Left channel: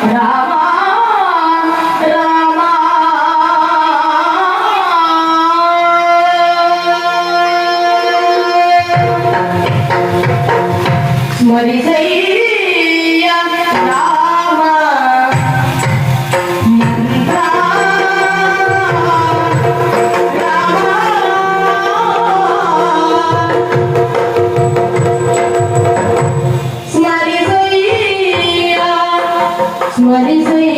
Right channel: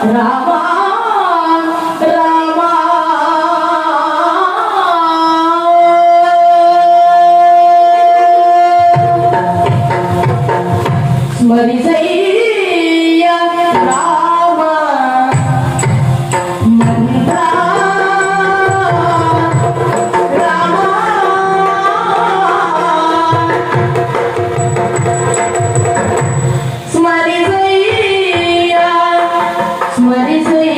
Bravo. Yeah.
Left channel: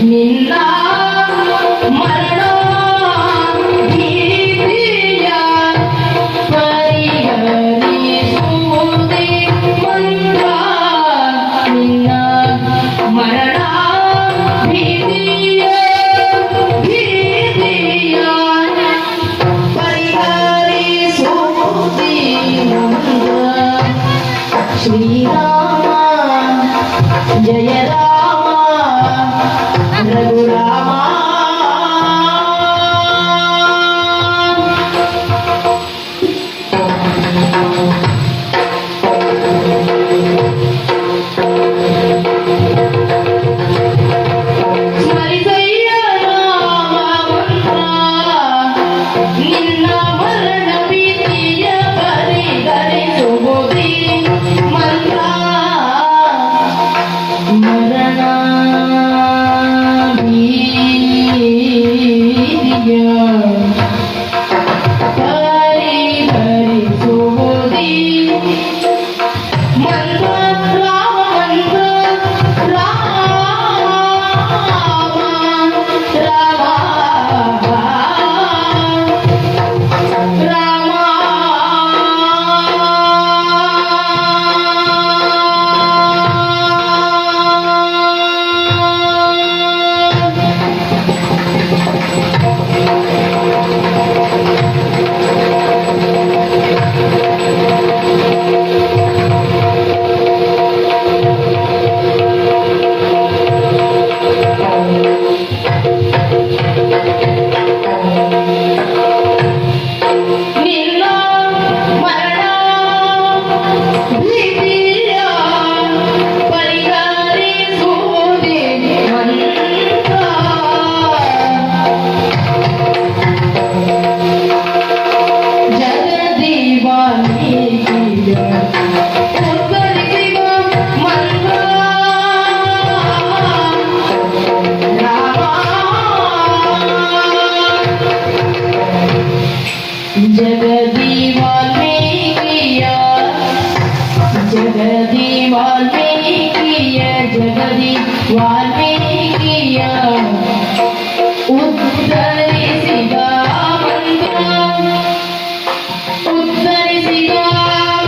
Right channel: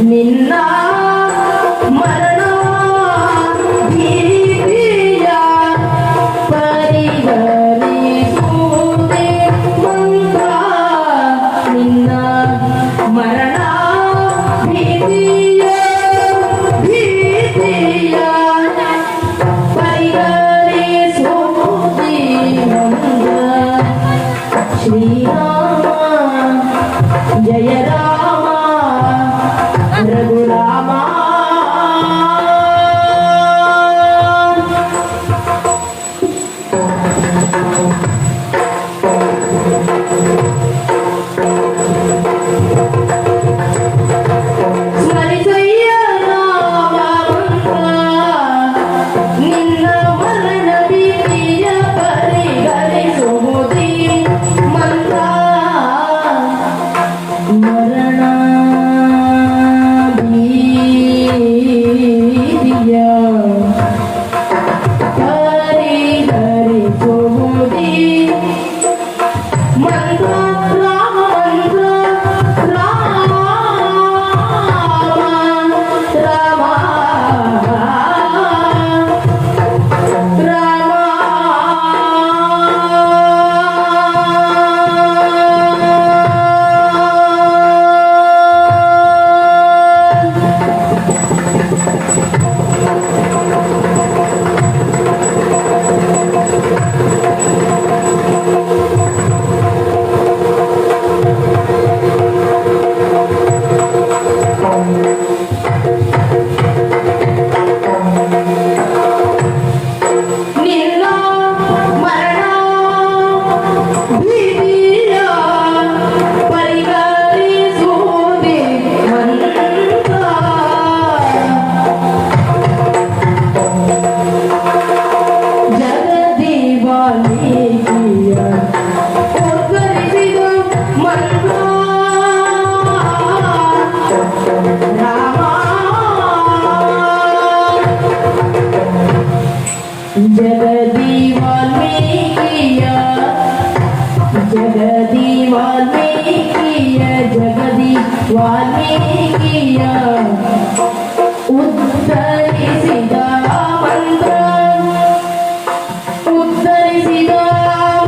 你呢？जगदि वालिक्रिया उद्धरिदा उद्धरिदा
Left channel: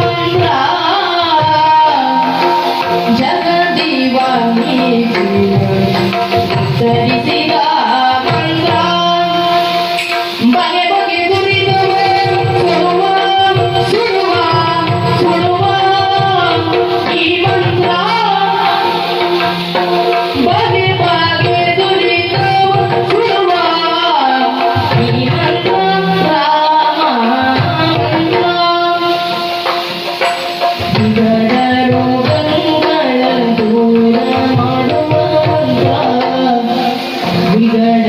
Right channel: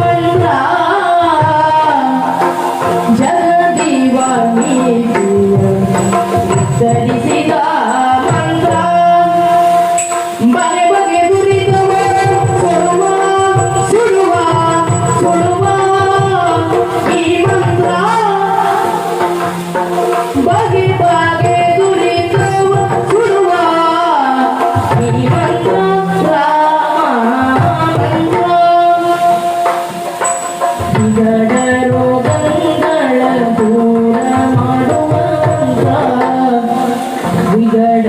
मया जगदि V liberte. Yeah.